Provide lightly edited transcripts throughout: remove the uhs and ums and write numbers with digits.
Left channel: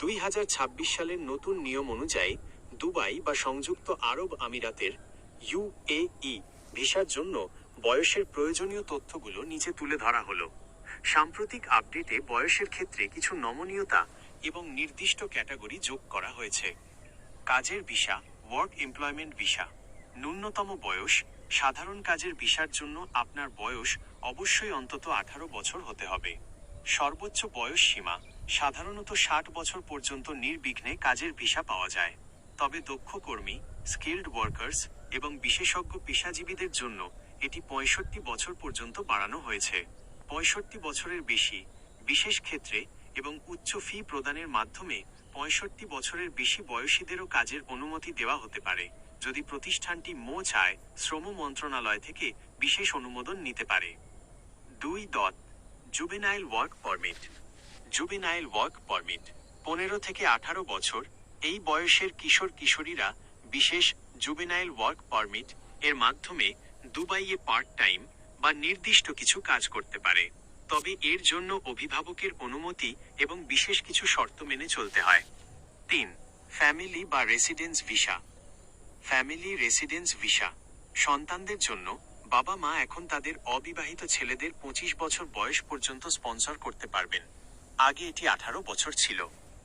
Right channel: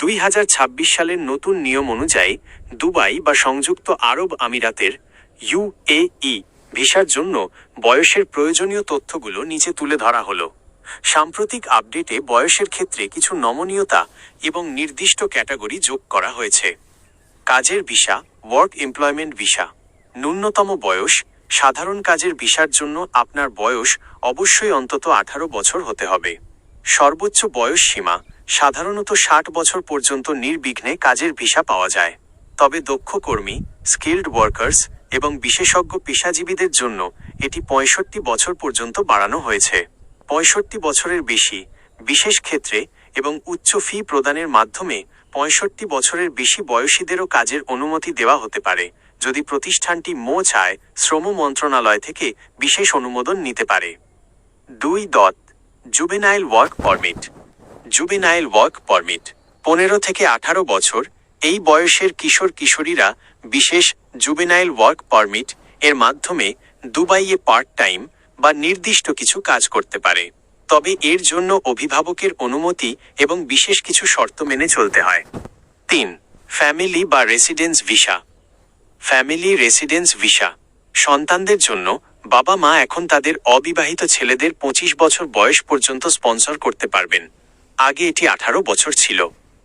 2026 সালের নতুন নিয়ম অনুযায়ী দুবাই বা সংযুক্ত আরব আমিরাতের ইউএই ভিসার জন্য বয়সের প্রয়োজনীয় তথ্যগুলো নিচে তুলে ধরা হলো। সাম্প্রতিক আপডেটে বয়সের ক্ষেত্রে কিছু নমনীয়তা এবং নির্দিষ্ট ক্যাটাগরি যোগ করা হয়েছে। কাজের ভিসা, ওয়ার্ক এমপ্লয়মেন্ট ভিসা। ন্যূনতম বয়স, সাধারণ কাজের ভিসার জন্য আপনার বয়স অবশ্যই অন্তত 18 বছর হতে হবে। সর্বোচ্চ বয়স সীমা, সাধারণত 60 বছর পর্যন্ত নির্বিঘ্নে কাজের ভিসা পাওয়া যায়। তবে দক্ষ কর্মী, স্কিল্ড ওয়ার্কার্স এবং বিশেষজ্ঞ পেশাজীবীদের জন্য এটি 65 বছর পর্যন্ত বাড়ানো হয়েছে। 65 বছরের বেশি, বিশেষ ক্ষেত্রে এবং উচ্চ ফি প্রদানের মাধ্যমে 65 বছরের বেশি বয়সীদেরও কাজের অনুমতি দেওয়া হতে পারে, যদি প্রতিষ্ঠানটি চায় শ্রম মন্ত্রণালয় থেকে বিশেষ অনুমোদন নিতে পারে। 2. Juvenile work permit. Juvenile work permit 15 থেকে 18 বছর এই বয়সের কিশোর কিশোরীরা বিশেষ জুভেনাইল ওয়ার্ক পারমিট এর মাধ্যমে দুবাইয়ে পার্ট টাইম বা নির্দিষ্ট কিছু কাজ করতে পারে। তবে এর জন্য অভিভাবকের অনুমতি এবং বিশেষ কিছু শর্ত মেনে চলতে হয়। 3. ফ্যামিলি বা residence visa. Family residence visa সন্তানদের জন্য বাবা মা এখন তাদের অবিবাহিত ছেলেদের 25 বছর বয়স পর্যন্ত স্পন্সর করতে পারবেন। আগে এটি 18 বছর ছিল।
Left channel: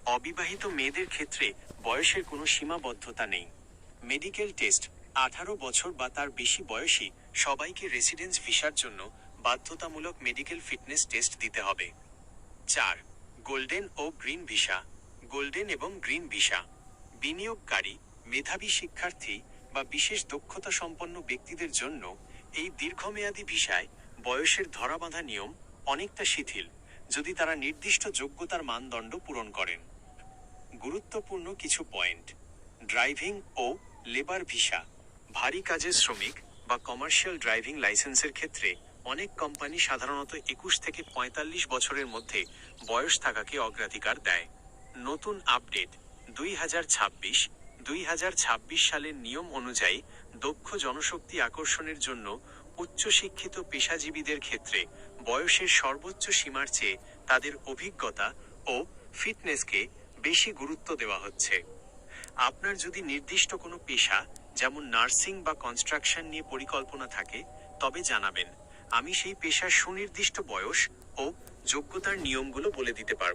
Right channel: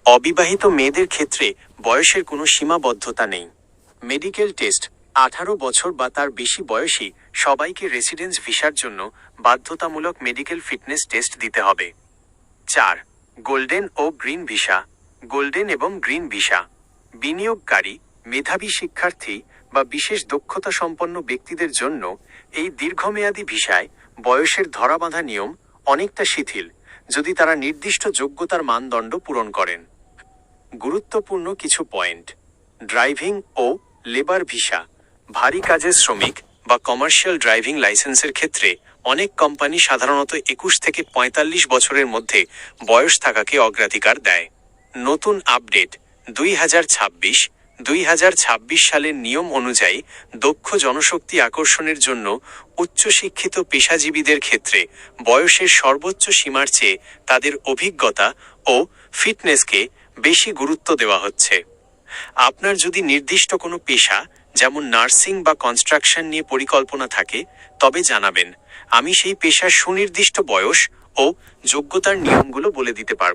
অবিবাহিত মেয়েদের ক্ষেত্রে বয়সের কোনো সীমাবদ্ধতা নেই। মেডিকেল টেস্ট, 18 বছর বা তার বেশি বয়সী সবাইকে রেসিডেন্স ভিসার জন্য বাধ্যতামূলক মেডিকেল ফিটনেস টেস্ট দিতে হবে। 4. গোল্ডেন ও গ্রিন ভিসা। গোল্ডেন এবং গ্রিন ভিসা বিনিয়োগকারী, মেধাবী শিক্ষার্থী বা বিশেষ দক্ষতা সম্পন্ন ব্যক্তিদের জন্য এই দীর্ঘমেয়াদী ভিসায় বয়সের ধরাবাঁধা নিয়ম অনেকটা শিথিল, যদি তারা নির্দিষ্ট যোগ্যতার মানদণ্ড পূরণ করেন। গুরুত্বপূর্ণ কিছু পয়েন্ট। ড্রাইভিং ও লেবার ভিসা। ভারী কাজের শ্রমিক বা কমার্শিয়াল ড্রাইভিং লাইসেন্সের ক্ষেত্রে অনেক কোম্পানি সাধারণত 21 থেকে 45 বছরের মধ্যে বয়স থাকাকে অগ্রাধিকার দেয়। নতুন আপডেট 2026 সালের নিয়ম অনুযায়ী দক্ষ জনশক্তি আকর্ষণের জন্য উচ্চশিক্ষিত পেশাজীবীদের ক্ষেত্রে বয়সের সর্বোচ্চ সীমার চেয়ে তাদের অভিজ্ঞতা ও ফিটনেসকে বেশি গুরুত্ব দেওয়া হচ্ছে। আপনার যদি নির্দিষ্ট কোনো পেশা যেমন নার্সিং বা কনস্ট্রাকশন নিয়ে পরিকল্পনা থাকে তবে জানাবেন, আমি সেই পেশার সুনির্দিষ্ট বয়স ও যোগ্যতার নিয়মগুলো বলে দিতে পারব।